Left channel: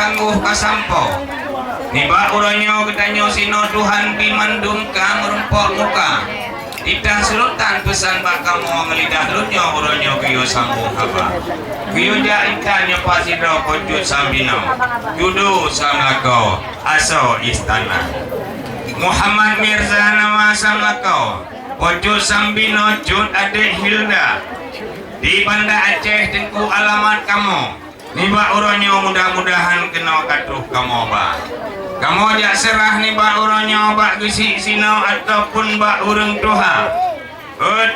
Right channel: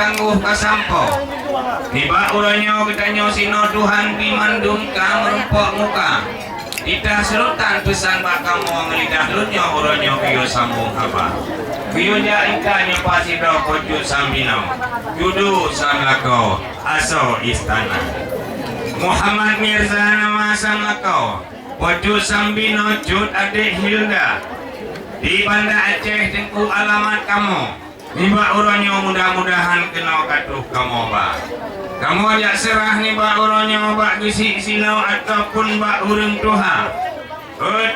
tangguh kasampo. Niba uranyo ketanyo sino Tuhan pimandum ka merumpok muka. Itah selutan pesan bak kamu ngelidah lunyo uranyo kiyo sambung haba. Kiyo ja ikanyo pasidro kojut sambino. Judu samlako aso istana. Muhammad Mirza nama samlako. Kojut sambino jut adik Hilda. Di Banda Aceh tengku alamat kamu. Niba uranyo mudah-mudahan kena katuh kamu ba. Kamu jak serah niba uranyo bak gisi sinau ataupun bak urang Tuhan.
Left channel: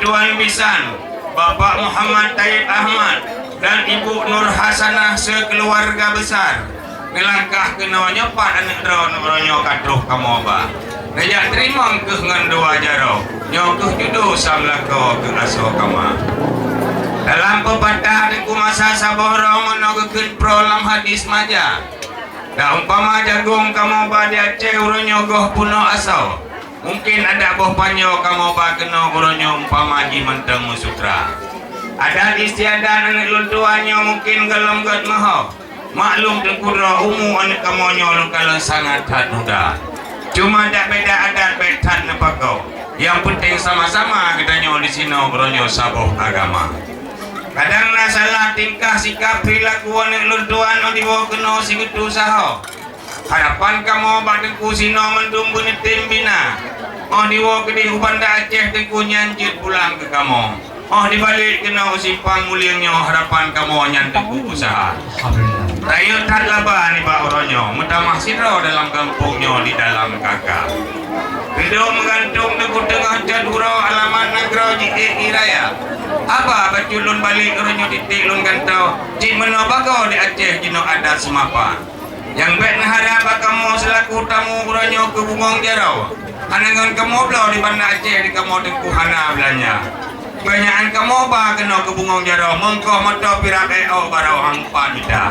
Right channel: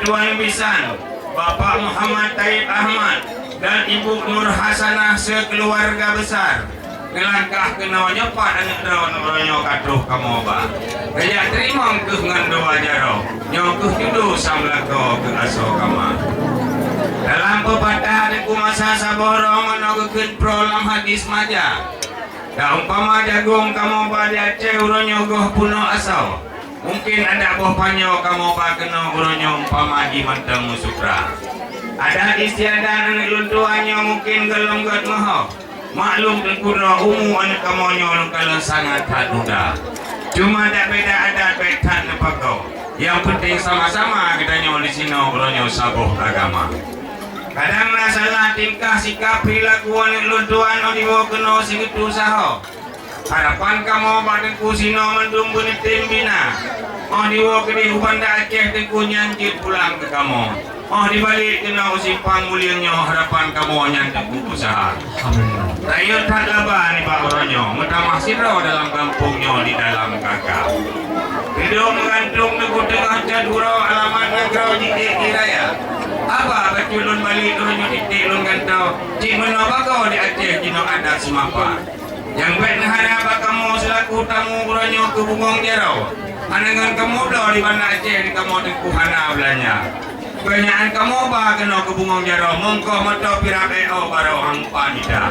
Tuan Bisan, Bapak Muhammad Taib Ahmad dan Ibu Nur Hasanah sekeluarga besar. Ngelangkah kena nyepat anak daun uranyo katuh kamu ba. Rejak terima ke ngan doa jaro. Nyokuh judu samlako ke aso kama. Dalam pepatah di kumasa saborong menogokun prolam hadis maja. Da umpama jagung kamu pada Aceh uronyo goh puno asau. Mungkin ada boh panyo kamu bakeno uronyo umpama di manteng musukra. Ada istiadat anak luntuanyo mungkin gelom gat maho. Maklum tengkura umu anak kamonyo lungkalang sangat haduda. Cuma ada beda adat betan nepako. Yang penting sama-sama kita nyo di sini uronyo saboh agama. Kadang na salah tingkah sikap perilakuan yang luntuan o dibawa kena singutu saho. Harapan kamu badan kusino mendung bunetim bina. O dibawa ke di Banda Aceh tengku nyanjit pulang ke kamu. O dibalik kena usimpang mulianya harapan kamu nyantek usaha. Tayo tat laba ni Pak Uronyo. Mutamah sidro dalam kampungnya di dalam kakak. Video menggantung teku tengah jaduro alamat negara JKI Raya. Apa baculun balik uranyo titik lun kantau. Cik menapa kau di Aceh kino adat semapa. Yang baik harap kamu selaku tamu uranyo ke Bungong Jarau. Hanangan kamu belau di Banda Aceh di kamu tengku hana belanya. Banyakan kamu ba kena ke Bungong Jarau. Mengkau mata pirak eo barau angpan ida.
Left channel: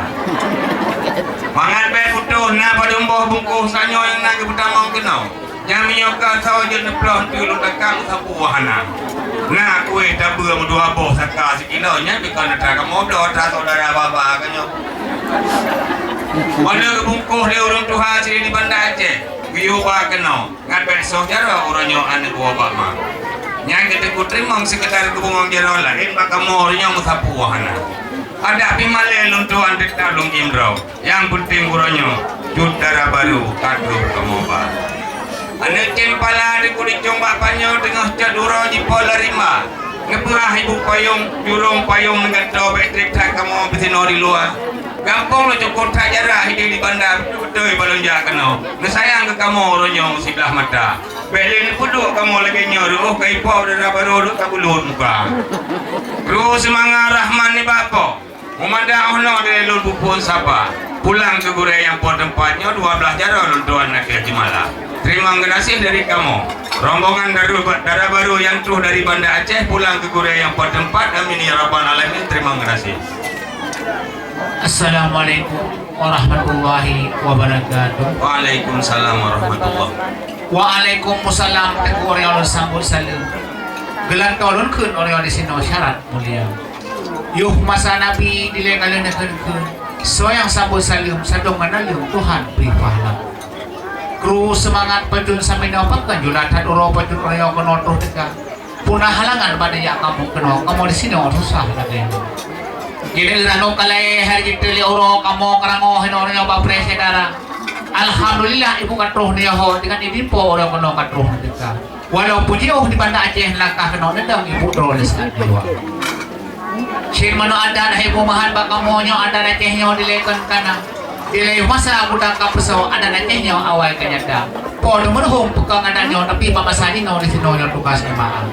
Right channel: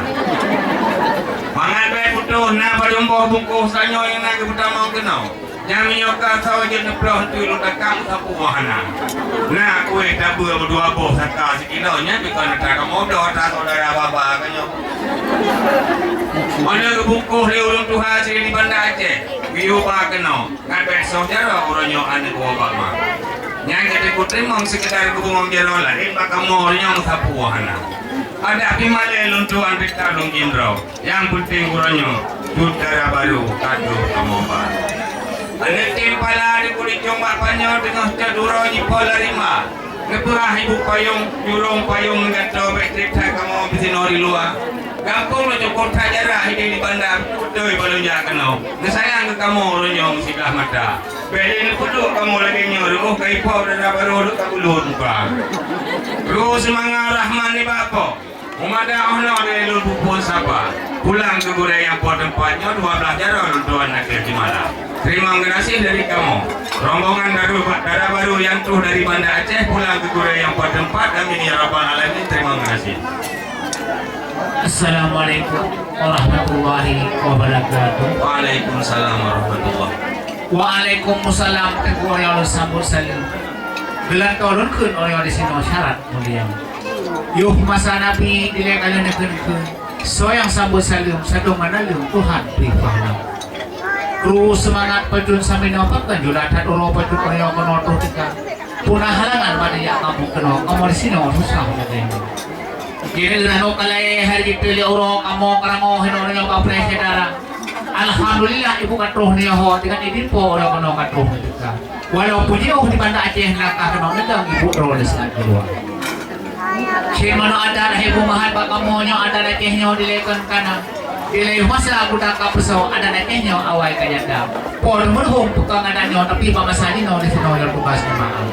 Mangat baik putuh na padumboh bungkuh sanyo yang nak ke pertama kena. Yang menyokal sawa je neploh tu lu takang sapu wahana. Nah kue tabu yang dua boh saka sekilonya bukan ada kamu dah saudara bapa kanyo. Mana kebungkuh dia urang Tuhan sini di Banda Aceh. Biu ba kena. Ngat besok jaro uranyo ane dua bapa. Yang kita terima sekedar kebungong jaro lain ba kamu orangnya sapu wahana. Ada pimale luntuan kita lung Imrau. Yang penting uranyo judara baru kadu kamu ba. Anak cempala di kulit combak panyo tengah cadura di pola rima. Ngeperah ibu payung, jurung payung dengan tau elektrik tak kamu bersino di luar. Gampang lo cukup tak jarah hidup di bandar. Betul balon jakano. Ngesayang ke kamu orangnya sebelah mata. Beli puduk kamu lagi nyoruh kai pau dara baru duk kabulun muka. Ru semangat Rahman ni bapa. Umada ono dari lun pupun sapa. Pulang ke gure yang pun tempatnya 12 jaro luntuan akhir Jimala. Terima kasih dari kamu. Rombongan darah baru yang tuh dari Banda Aceh pulang ke gure yang pun tempat. Amin ya rabbal alamin. Terima kasih. Assalamualaikum warahmatullahi wabarakatuh. Waalaikumsalam warahmatullahi. Waalaikumsalam. Teguh orang sambut salam. Gelan tolon kun orang di sini syarat mulia. Yuh masa Nabi dilekalen kun. Soyang sambut salam sadong manalung Tuhan beri pahala. Kru semangat pajun sampai nampakan julatan uro pajun orang menonton kita. Punah halangan pada yang kamu kenal. Kamu di sini orang susah lagi. Jadi rano kalai hari kita lihat orang kamu kerango orang yang baper sedara. Alhamdulillah ibu katruh ni ho dengan ibu po orang kenal katruh kita. Walaupun jauh di Banda Aceh langkah kenal nendang ibu terus lagi dua. Shin mana ada ibu mahan bakamonyo ada Acehnya dilekan kana. Dilai masa aku dah kapusau ada Acehnya awal kanyada. Por menghum tukang adanya tapi pamasani no di sini yang tugas nama.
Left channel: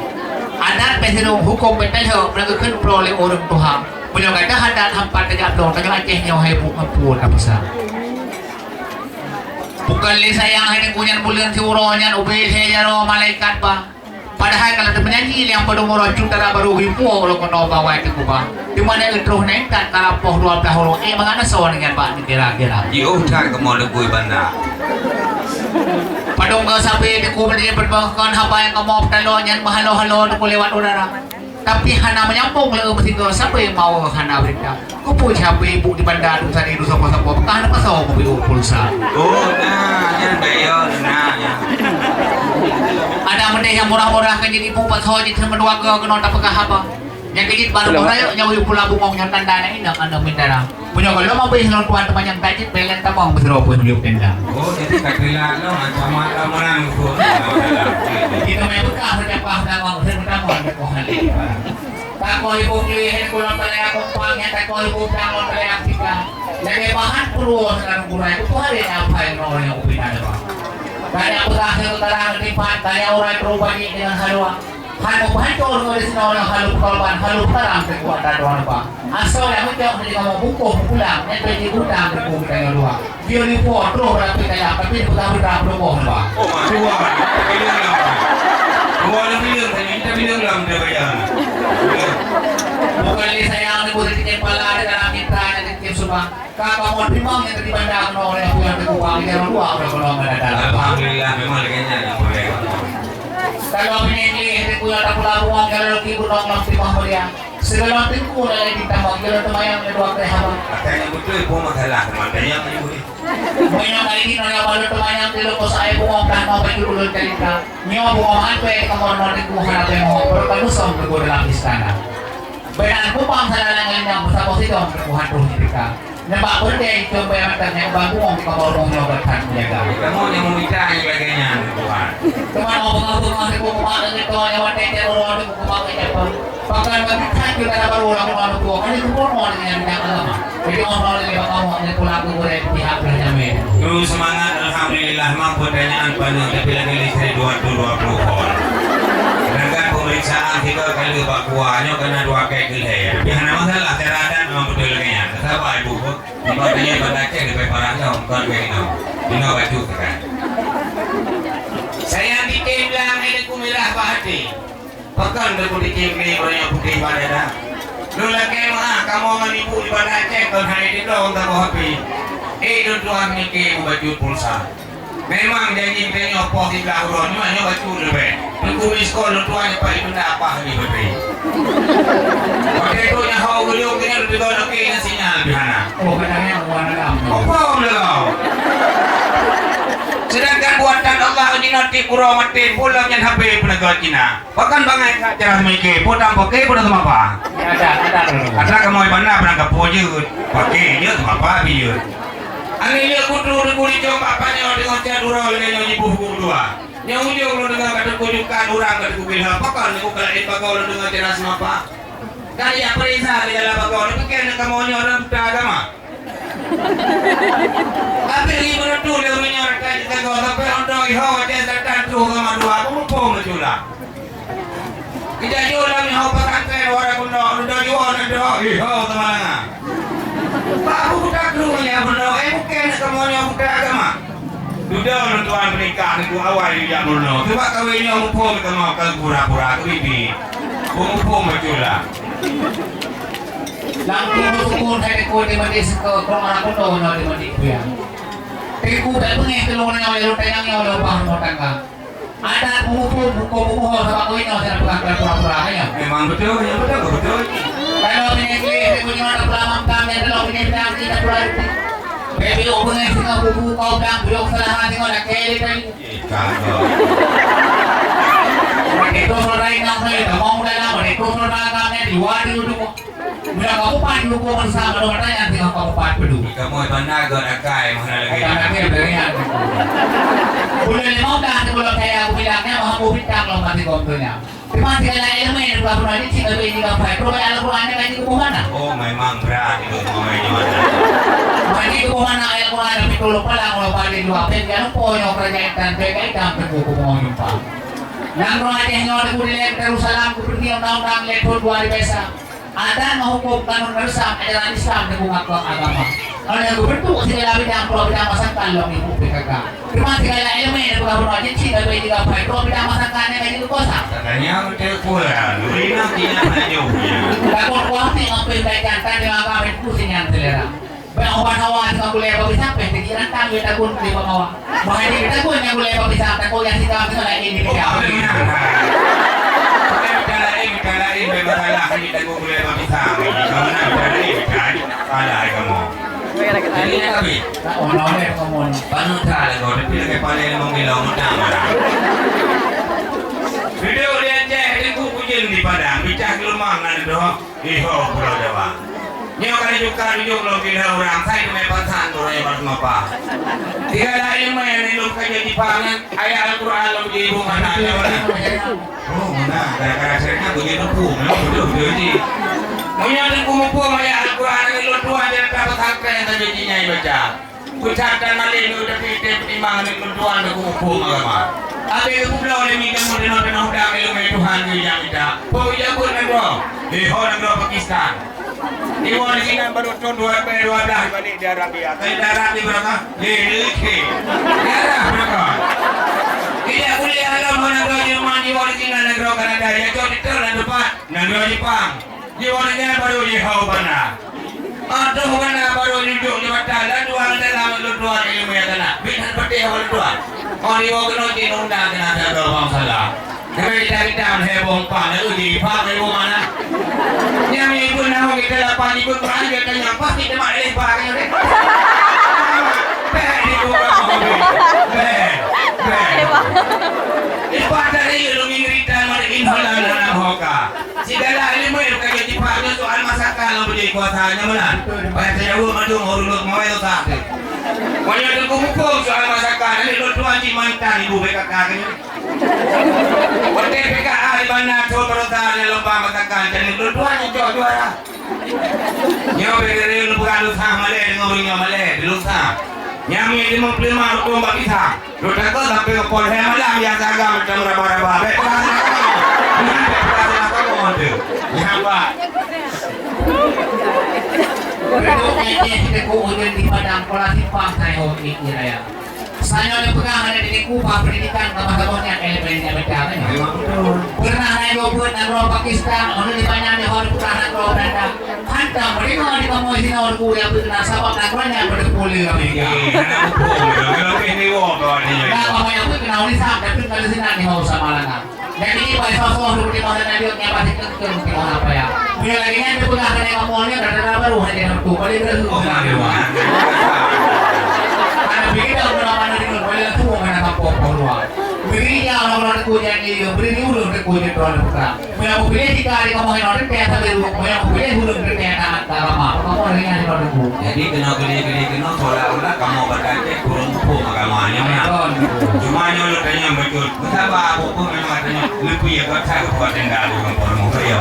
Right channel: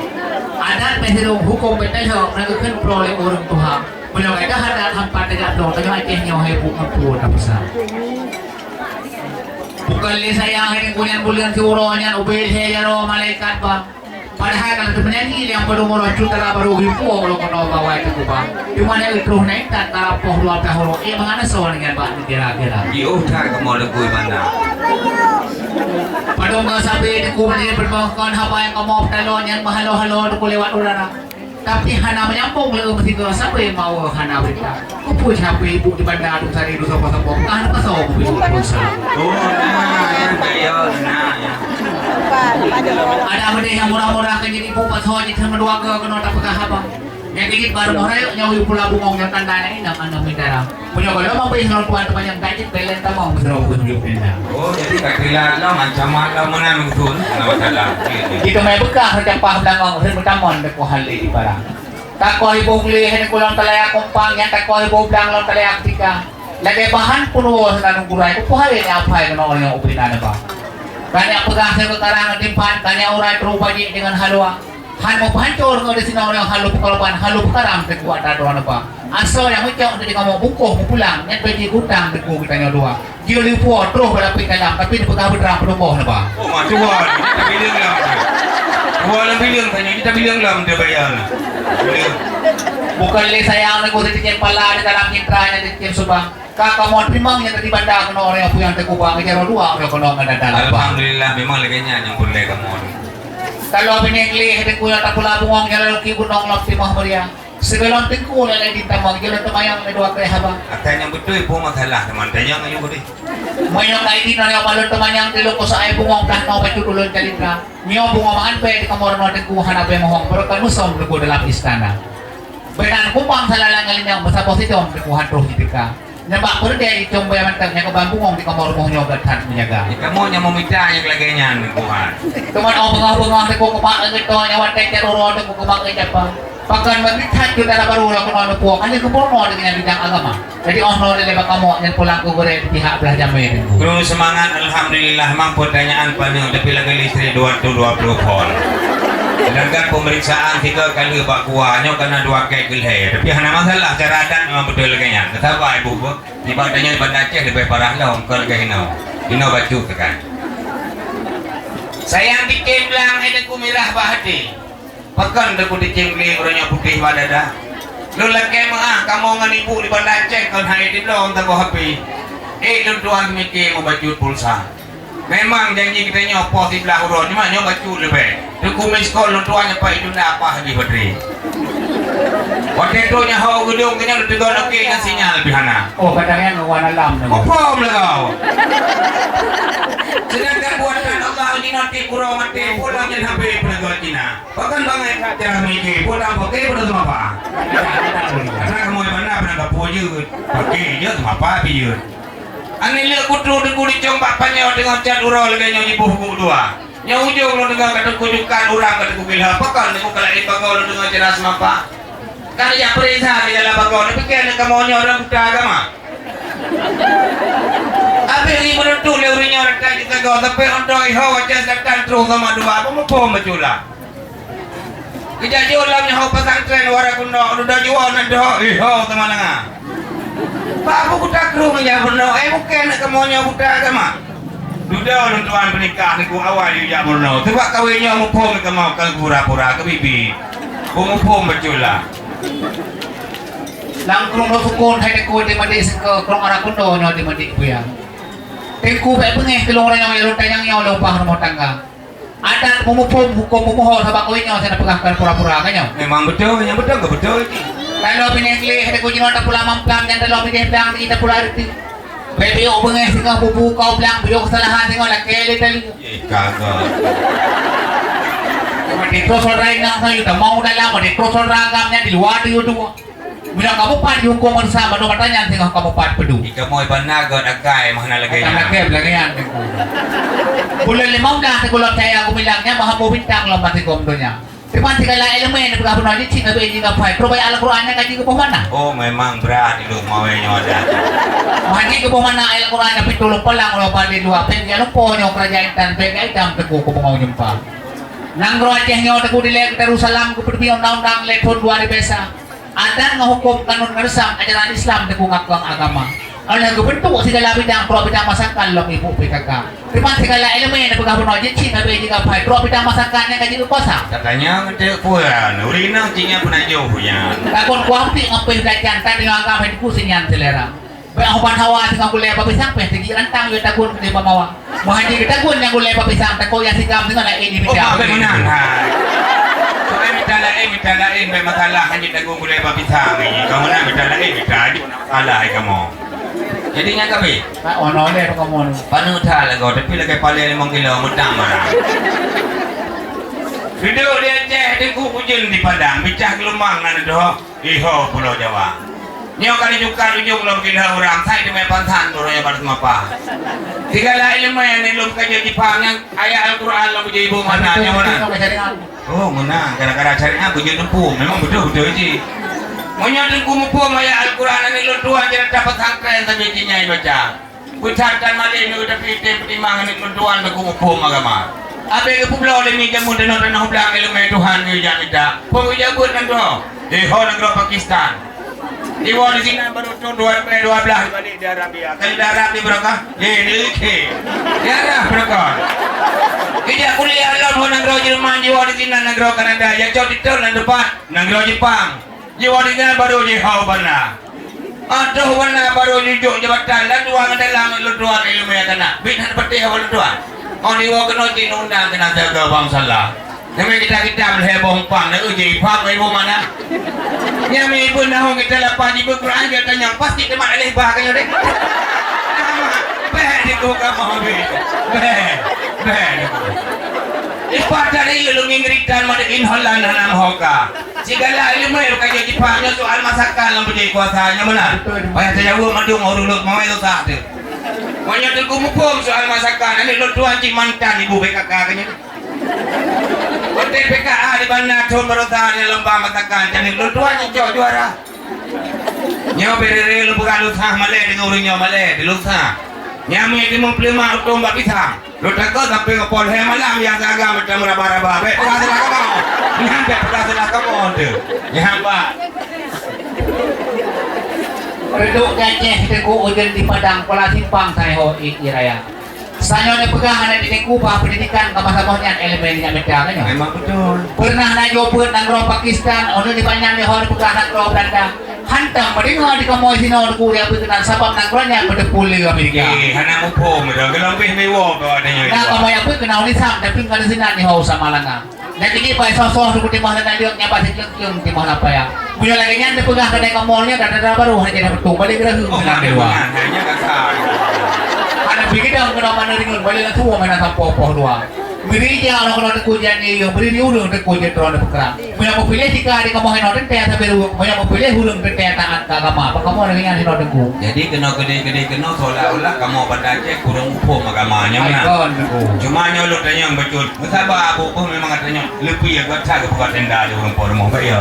Adat peserung hukum betul melakukan peroleh orang Tuhan. Punya kata hadat hampat tegak dong tanya Acehnya ibu ngampun kapusau. Bukan li sayang hari kunyan bulan si uronyan ubel saya jaro malaikat ba. Padahal kalau tu penyanyi yang pada umur juta baru hipu kalau kau bawa itu kuba. Di mana itu naik tak karapoh 12 orang. Mengana seorang dengan pak kira-kira. Yo tak kamu lekui Banda. Padung kau sampai di kubur dia berbangkan apa yang kamu pertolongan mahalo-halo untuk lewat udara. Tapi hana menyambung le mesti kau sampai mau hana berita. Kau pun siapa ibu di Banda tu sari tu sapa-sapa. Bukan apa sahaja usap. Oh, nah, yan kayo, nah, ya. Ada benda yang murah-murah kan jadi pun pasal jadi sama dua ke kena tak pegah apa. Yang gigit baru murah nyawa yung pula bungong yang tanda na ina anda minta ram. Punya kalau mampu yang tuan teman yang gadget belen tamang betul pun yung tenda. Oh, jadi kakila lo sama kamu nangkut, no salah. Jika may bekah sa pah tamang sa tamang ko hali para. Tako ibong lihin ko lang talaya kumpang yan tako ibong lang lang talaya tika. Lagay bahan puno sa lanong gulay ko hali na apay na mga upinan ba. Kanya pagkakasya ko karang timpan, kanya uray trupagi dengan halwa. Han mo pahancor ko din sinaw ng halup kalban, halup karang tekuat dado ano ba. Aso yang mo tadi kamu buko pulang, net pwede utang teku kita nga dua. Gili po tro para pikaya, tapi pagkabot ra pro mo ba. Oh, majual. Bilang lang. Jual bilang tanya kita bilang lang dia bayar. Bukan le sayang ni ko din pala ni karang intra ni tim subang. Kakamon primang yang tadi banda ko no yang punya teku bang kaya dua ko no ngadadala. Alhamdulillah memang leganya yang boleh kamu. Kalau pinengli hindi ko yata pula bungong yang lalu kibun ng lampi mahmuriya. Segalong tingko na lang din tamang gila tamayang na dua kaya haba. Katanya betul ibu masalah teman tanya kayu boleh. Mayroong na hindi na nga balon tamayang tilo ko sa ay bungong kan mo bay tululon kalita. Niyo bungomaan pwede ka mo rin kung hanapin mo pero kanusong ko dalam istana. Bayan kupang sa lalangalin niya basta posisyon kuhan terus ka. Nampak pun dia itu bayar tanya ke bangkung di kamar rumah nyogat hat menjaga. Kamu yang meminta yang laganya Tuhan. Teman obong-obong aku kumak itu yang wanita teror itu kumak itu apa? Pakai meminta kita dapat ulang rumah itu. Hanya kumpul dengan bidang agama. Jadi orang dari kamu yang pulang ke pihak belajar men. Terus semangat alhamdulillah mampu pertanyaan panjang tapi lagi listrik 220 volt. Sedangkan pemeriksaan kita kali Pak Kuahnya karena 2 kek gelhe. Tapi hanya masalah kesehatan memang betul leganya. Kenapa ibu? Ini patutnya pada cek lebih parah lah kan kayak ini baju tekan. Saya bikin bilang ada kumirah bahati. Pekan aku dicengkli orangnya putih pada dah. Lu lagi mah kamu ngan ibu di pada cek kan hari di dong tak happy. Tuan mikir mau baju pulsa. Memang janji kita nyopoh di belah urun, cuma nyoba baju lebih. Tunggu miskol tuannya Pak itu nak apa lagi bateri. Waktu itu nyaho gulung kena lebih gol oke yang sinyal bihana. Oh kadangnya warna lam. Apa belau? Sedangkan buatan Allah ini nanti kurang mati pulang yang HP penegak Cina. Bahkan bangai cara mikir, pulang pakai pulang sama apa? Ada kamu yang mana penegak pujuk, pakai je sama apa biar. Ani lihat kutu di kulit coba panjang dengan cat urang dengan nyanyi buku dua. Yang ujung lo dengan kata kujukan urang kata kubilah pakal ni kukala itu kau dengan jelas apa? Kali yang perintah di dalam pakal ni pikir ni kamu orang buta agama. Abi ni berutu lewatnya orang tadi kau tapi untuk iho wajah datang terus sama dua aku mau pom berjulah. Kita jualan yang hau pesantren orang kuno udah jual nanti iho teman-teman. Pak aku buta kru ya benar. Bukan semuanya buta agama. Sudah orang tuan menikah ni ku awal ya benar. Sebab kawinnya mumpung kita mau ke pura-pura ke bibi. Mumpung betul lah. Langsung sukun hai ku di madis ke krong ara kuno no di madik ku ya. Teku bae pengeh kelong orang yang tanyang yo lo pahar mo tangga. Ada pumumpung hukum pumuho sa kawinnya sa napagakal pura-pura kanyo. Memang betul, yang betul ke betul ini. Kalau pinengli ku jingon ta pula mampang yang dalam pineng kita pula itu. Baby ubengeh sing bubu kau bilang bilo kesalahan sing ora kele tadi. Kagak. Itu saudara yang saya mau dalam itu saudara kamu di luar di itu. Bila kamu pan hukuman sama nomor tanya tinggal kamu pan pedu. Kamu iban nagot agai mana lagi. Agai lagi. Bulan 5 dah kalau saya aku bilangnya bahwa aku bintang lo mati kontonya. Cuma segala elemen yang berapa nanti cina beli juga baik. Kalau bayar Al-Qurannya kaji ke mana? Oh memang berat itu mau nyoda. Kaji ke mana Al-Quran tapi tulung pelang lo balik dua pen kalau ponyo kerajaan dan PKI dan teku ku mau jumpa. Nang rohnya nyoda ku dilek Jerusalem ku pergi undang-undang lektor 2 biasa. Ada menghukum kanun bersam ajaran Islam teku ngakuang agama. Ano yang bentuk segala bidang pro bidang masakan lo ibu PKK. Terima segala elemen yang bergabung aja cina beli juga baik pro bidang masakannya kaji ke kosa. Katanya kita kuah, Nurina tinya pernah jauhnya. Takon kuahti ngapain kajian tadi agama itu sinyan selera. Bahawan hawa dengan boleh apa pisang peh tikiran tang kita gun di pamawa. Mahadi kita gun yang boleh apa pisang tak kau yang sikam dengan ini bidang. Oh benar. Masalah kan kita boleh apa pisang. Kamu nak bicara kita salah kamu. Jadinya kami. Ono deh kamu. Panuta lah kau, tapi lagi paling mengilau mutang marah. Video dia cek di kukujen di Padang, bicah kelumangan itu, iho Pulau Jawa. Nyo kali juga rujuk lo kira orang saya di mepasan dulu ya baru apa. Tiga lah ilmu yang ilmu kerja di pangan ayat Al-Quran lo menjadi ibu mana yang mana. Oh mana gara-gara carinya aku jadi lumpuh, memang betul sih. Maunya di kumpuh ayat Al-Quran ini lo tuan jadi dapat angkren saja jinya baca. Pucat dan malin udah pilih pertimbangan itu tuan berkumpuh agama. Apa yang pulau ini jamu dan orang orang ilmu Tuhan dia minta. Pemijabut kan doh di negara Pakistan. Di bawah sini baru tahun 2012 balik di Arabia. Kali di Arab di berapa? Di Arab berapa? Tidak kuliah dalam negara Jerman, di bawah sini negara Kanada. Ya jauh di tahun depan negara Jepang. Di bawah sini baru di Hawana. Atau Hawana baru di Jabatan. Dan dua dalam dua ilmu yang kena. Bintang peti awal dua. Oh di bawah kena di undang kena jaga bangsa lah. Tapi kita berheboh pang, uji pak ibu mana? Yang ibu nama kita lapan ibu Quran kita tanya pasti kita mana leh bah kaya deh. Beh itu kamu beh. Ibadah ni lu ngiritan mana inhalan dalam hoka. Segala ilmu yang kaya di paknya soal masakan yang beri kuasanya mana? Bayar saya buat madu orang mau itu tak tu. Banyak tu kumpul soal masakan ini lu tuan cimantan ibu BKK kaya. Hotel PKA di mana Tuan Berota di lomba masakan jadi lutuan yang juara. Nyawa beri lu bukan lusah malay dengan orangnya malay di lusah. Nyami di memplima untuk mbak kita. Lu takut sampai ke Polres malam yang jaga macam raba-raba. Perasaan kamu, nanti perasaan kamu tu. Nyapa. Berduk ngeceh teku ujian di Padang Pola Simpang saya hoki raya. Saya ada pegang ada di Kuba pendidikan kemahakonnya elemennya berjalan. Memang betul. Pernah naik loput negara Pakistan, orang di banyak di hal pegang negara Belanda. Hantam beringat di kamu sini orang kuliah berkenan sabab negaranya berdepuli Amerika. Karena upung, kalau kini wo kawannya. Nah kamu yang pun kenal di sana, tapi kalau sini di Hausa Malanga. Jadi ini pak sosok seperti mana tadi yang pasti kecil di mana apa ya? Punya lagi yang dipegang ada kamunya dan ada baru hanya dapat balik lagi. Ada bikin yang mana dengan balik lagi semua mana tak popo luar. Beri dia orang kuliah ni, beri dia ulung kuliah tuan perang. Punya mau pilih jika di kamu hendak teh tapi punya mau pilih ulung teh taat agama. Apa kamu dengan hendak ku? Jadi kena seolah-olah kamu pada cek kurang upuk agamanya mana? Cuma nyolot tanya yang betul. Betapa apa pun memang katanya lebih ya kata kebuat tenda di orang orang kaya.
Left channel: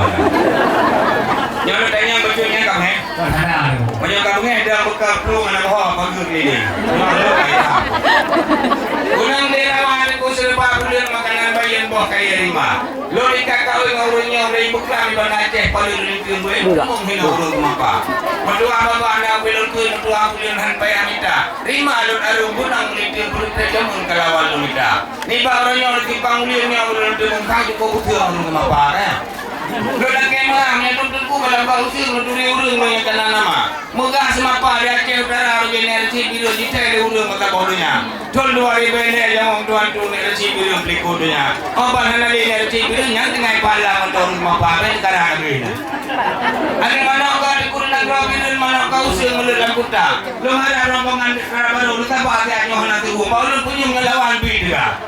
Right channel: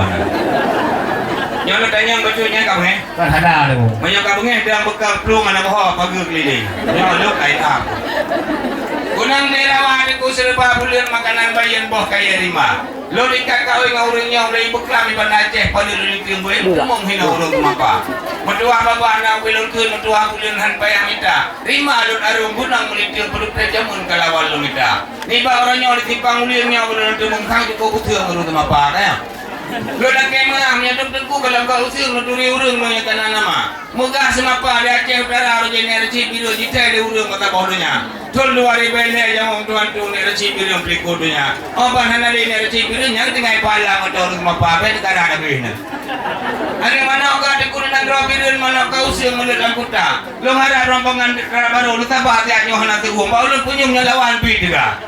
Nyolot tanya yang betulnya kamu he? Kan ada tu. Banyak kamu he dalam bekal pelung anak bawah pagi keliling. Nyolot kaya. Gunang derawan aku serba bulan makanan bayan buah kaya rima. Lori kakau yang orangnya orang beklam di Bandar Aceh paling rinting boleh ngomong hina orang apa. Medua bapa anak belum ke medua bulan hanpai amita. Rima lor arung gunang melinting perut terjamun kalawal lumita. Ni ba orangnya orang timpang ulirnya orang demung kang cukup utuh orang apa ya. Lora kemah nya tentu kalau kau usir nuturi urang banyak tanah nama. Megah semapa di Aceh Utara generasi biru di teh urang mata bodohnya. Tol 2000 ni yang tuan tu generasi biru beli kodonya. Oban hana di generasi biru yang tengah pala motor semapa ben negara begini. Ada mana orang di kurang negara biru mana kau usir meledang kota. Lu harap rombongan baru lu tambah dia nyoh nanti uang. Baru punya lawan bidra.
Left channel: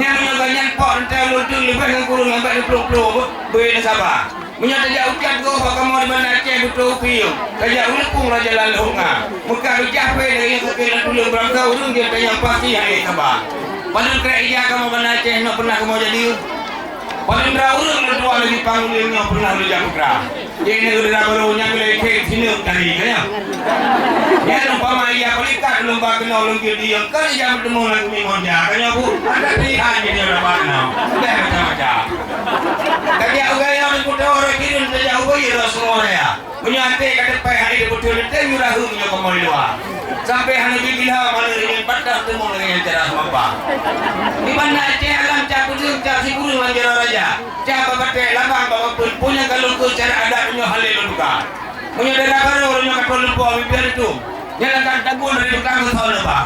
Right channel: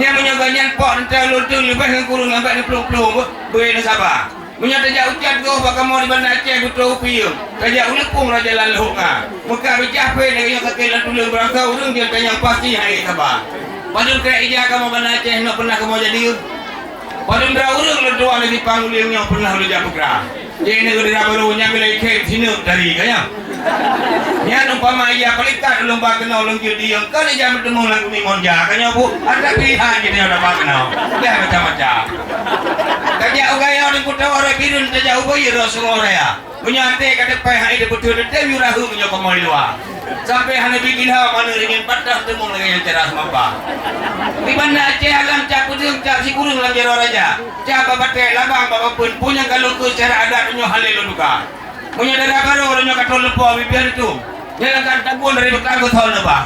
Yang menyoganya pot terlalu tu lebih yang kurang sampai 20 beri nasabah. Menyata jauh ucat kau pakai mau di Bandar Aceh betul piung. Kajak ulekung lah jalan lunga. Muka bercapai dengan yang kekilan dulu berangkau urung dia yang pasti hari sabah. Padahal kira ija kamu Bandar Aceh nak pernah kamu jadi. Padahal berapa urung lu dua lagi panggil yang pernah lu jamu kerah. Jadi negara barunya bila ikhlas sini dari kaya. Yang umpama ia pelikat lomba kenal longkil dia kali jam bertemu lagi mingonja kanya bu ada pilihan jadi orang kenal dah macam-macam kaya ugaya orang kuda orang kirim saja ugaya Rasulullah ya punya ante kata payah itu betul betul yurahu punya kemau luar sampai hanya bikin hal mana ingin patah temu dengan yang cerah semapa di Bandar Aceh alam cak kudung cak si kurung lanjar raja cak bapak labang bapak pun punya kalau ke cara adat punya halil luka punya darah baru orangnya kata lupa biar itu jangan kan tabuan dari belakang tahu lupa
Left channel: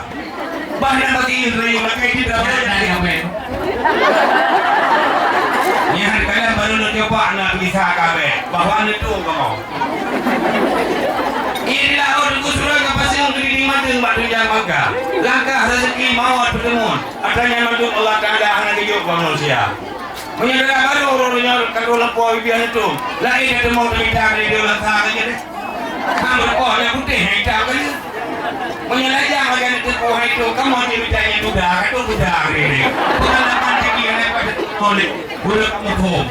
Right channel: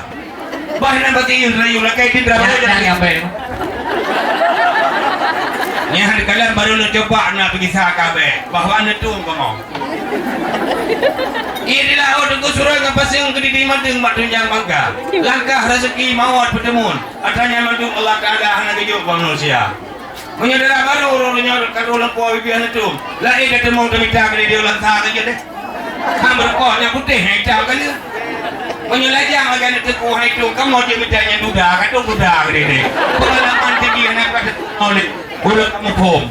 bahkan berarti dari belakang itu berapa yang ben. nya Yang kalian baru nak coba nak pergi sakabe. Bahawa anda tu kamu. Inilah orang ku surah ke pasang ke di madeng bak tunjang mangga. Langkah rezeki mawat bertemu. Adanya mandung Allah Taala anak hidup manusia. Menyadara baru orangnya kalau lempo bibian itu. Lain ketemu kita kali dia lantar saja deh. Kamu berkah yang putih hitam kali. Menyelajang akan itu itu kamu dia bertanya duda kata duda ini. Pengalaman tinggi yang pada oleh budak kamu pun.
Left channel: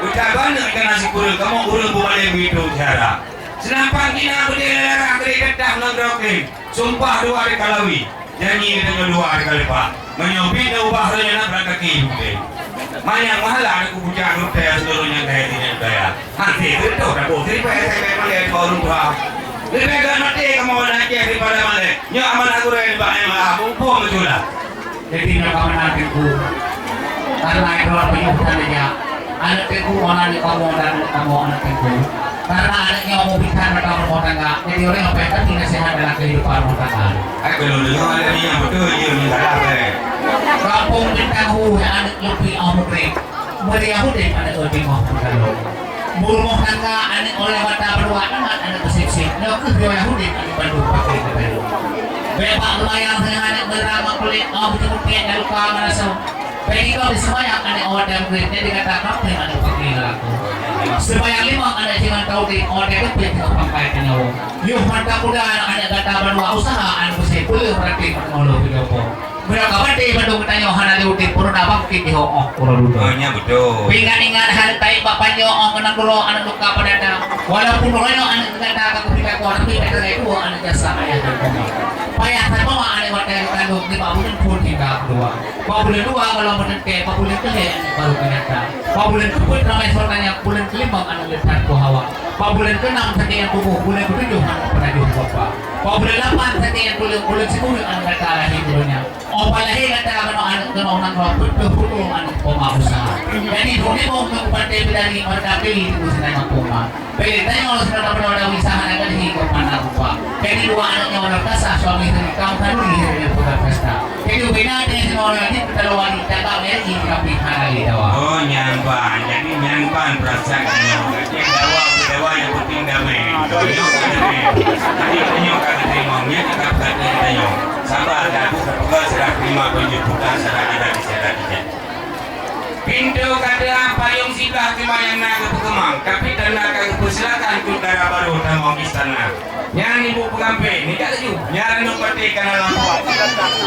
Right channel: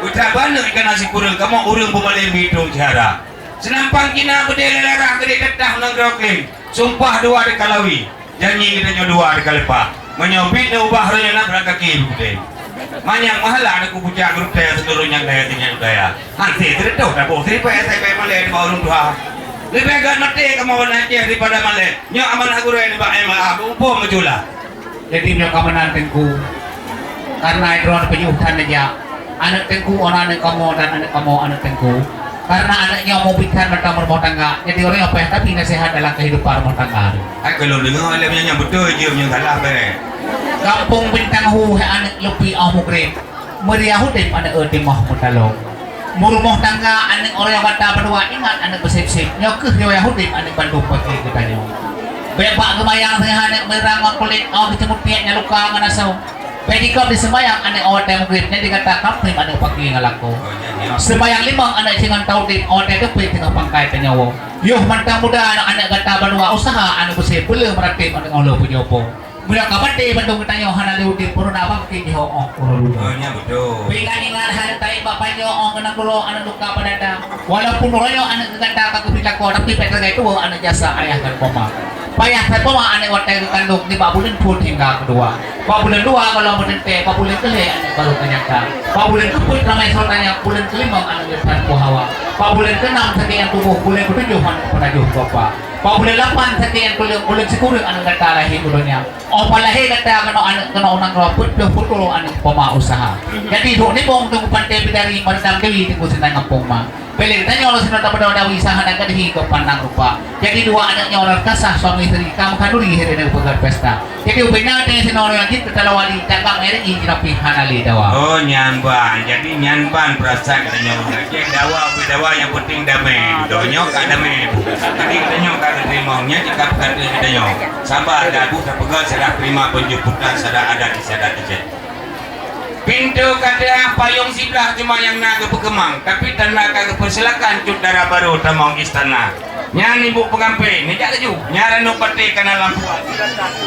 Ucap balik ikan nasi kurang kamu urang berbalik begitu cara. Senampang kina berdiri lerang dari ketah nenggerokin. Sumpah dua di kalawi. Janji kita dua di kalepa. Menyobit dan ubah raya nak berakaki. Banyak mahalah aku puja grup saya seluruhnya daya tinggal daya. Nanti tertuh dah boleh terima saya malah baru tua. Lebih agak nanti kamu nanti daripada malah. Nyak aman aku raya baik malah upah menjulah. Jadi nak kamu nantiku karena itu penyuhan aja. Anak tengku orang anak kamu dan anak kamu anak tengku. Karena anaknya mau bicara tentang rumah tangga. Jadi orang apa yang tapi nasihat dalam kehidupan rumah tangga. Aku belum dengar alamnya yang betul je yang salah be. Kampung bintang hu anak lebih ahmukre. Meriah deh anak erti mah mentalo. Rumah tangga anak orang kata berdua ingat anak persepsi. Nyokeh dia Yahudi anak Bandung pakai kepada. Bebak kemayang dengan anak merama kulit oh dicemut piatnya luka mana sau. Bagi kau di sembayang anak orang yang kulit jadi kata kapten anak pakai ngalaku. Sembayang lima anak jangan tahu di orang itu pilih tengah pangkai tenyawo. Yuh mantap muda anak kata berdua usaha anak bersih boleh merhatiin anak Allah punya apa. Mula kapan deh Bandung tanya hana liutin purun abang kini ho oh kurang dulu. Nya betul. Ingat hal tai bapaknya oh kenang dulu anak luka pada dah. Walaupun orangnya anak kata aku pindah kau tapi pada itu anak jasa ayah dan koma. Payah terbawa anak wadah kandung di babulan pun hingga kedua. Babulan dua kalau menente babulan ketiga anak baru ternyata. Babulan keempat ramai soalnya bulan kelima anak depan kuhawa. Babulan keenam sekian tubuh bulan ketujuh anak penajuh bapak. Babulan 8 sekian bulan 10 anak kata lahir dulunya. Oh palahir kata anak kena orang putus anak poma usaha. Jadi duk ni bong tu pantai dari pada kali itu senang poma. Beli tanya orang sudah dapat ada usaha dan kan hidup pandang rupa. Jadi dua anaknya orang kasah suami istri kamu kan dulu di pusat pesta. Jadi ubina dengan si orang lagi terlalu wali dagang ini tapi halali dawa. Oh nyamban, jadi nyamban perasaan nyamban. Jadi dawa yang penting damai. Donyok kan damai. Jadi donyok kan terimanya jika kata kita nyok. Sabar dah buka pegal sudah terima penjemputan sudah ada di sana di. Pintu kada payung sidah cuma yang naga pekemang, tapi tanah kagak persilakan cutara baru tamau istana. Yang ibu pengampe, ni tak ju. Nyaran upati kana lampu.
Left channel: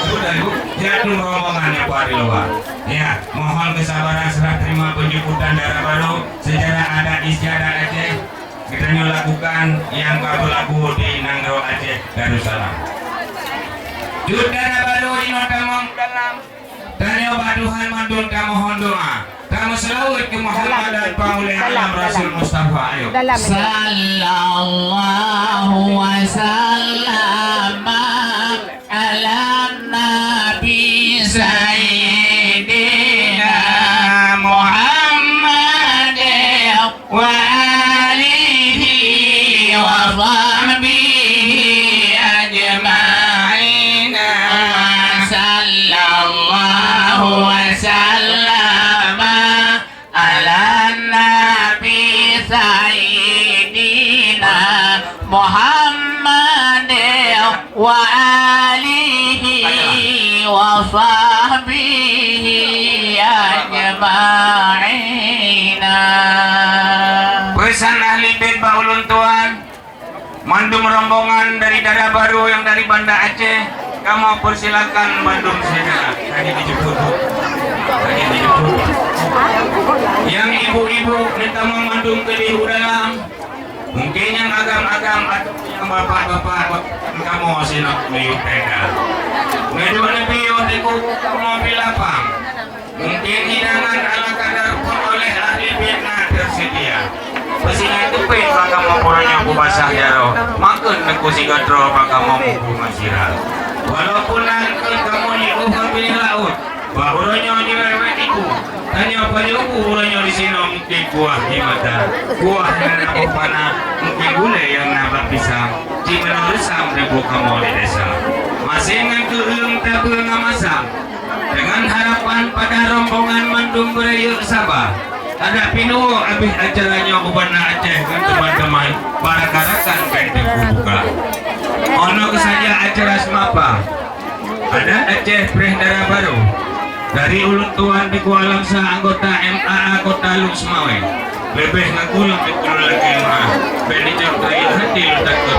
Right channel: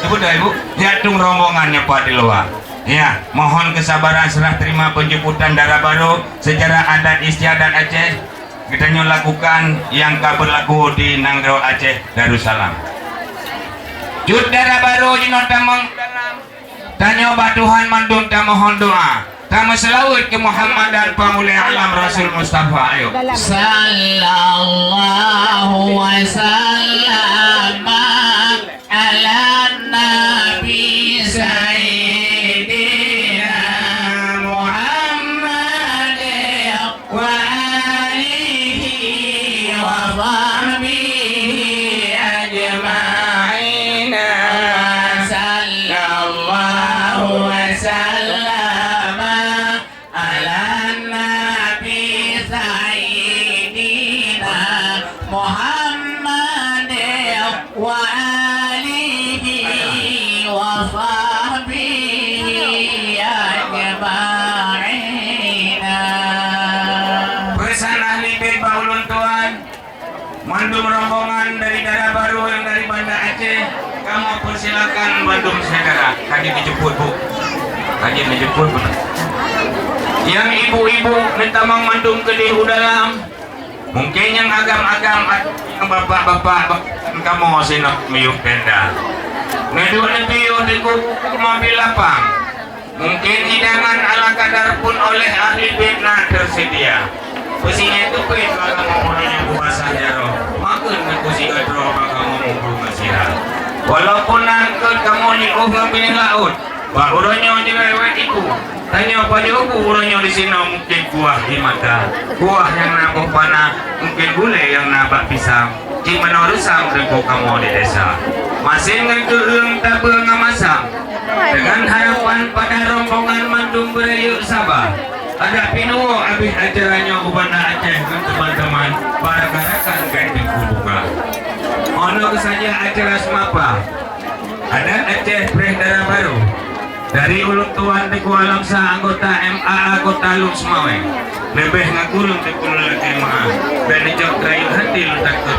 Ibu dah ibu, jatung rombongannya pada di luar. Ya, mohon kesabaran serah terima penjemputan darah baru secara adat istiadat Aceh. Kita lakukan yang berlaku di Nanggro Aceh Darussalam. Judara baru di notamang dalam tanya Tuhan mandun tak mohon doa. Kamu selawat ke Muhammad dan pemulih alam Rasul Mustafa. Ayo. Sallallahu wa sallam ala nabi sayyidina Muhammad wa alihi wa sahbihi ajma'in. Sallallahu wa sallam ala nabi sayyidina Muhammad wa alihi wa sahbihi ajma'in. Pesan ahli bait baulun Tuhan, mandum rombongan dari daerah baru yang dari Banda Aceh, kamu persilakan mandum saudara. Tadi dijemput bu, tadi dijemput. Yang ibu-ibu minta mandum ke lihu dalam. Mungkin yang agam-agam, yang bapak-bapak, kamu masih nak miyuk beda. Ngedua nebiyo di mobil lapang. Mungkin hidangan ala kadar pun oleh ahli bina tersedia. Besinya itu pun maka mempunyai kubasah jaro. Makan kekusi gadro maka mempunyai masirah. Walaupun nakal kamu ni ubah bini laut. Bahuranya di lewat itu. Tanya pada aku uranya di sini mungkin buah di mata. Buah yang nampak panah. Mungkin gulai yang nampak pisang. Di mana resam ribu kamu di desa. Masih ngegeung tabung ngamasam. Dengan harapan pada rombongan mandung berayuk sabar. Ada pinuo habis acaranya aku pada Aceh kan teman-teman para karakan kan dibuka. Ono saja acara semapa. Ada Aceh Peredaran Baru dari Ulun Tuan di Kuala Langsa anggota MAA Kota Luk Semawe. Lebih ngagulung di pulau lagi rumah. Benijok kayu hati letak ke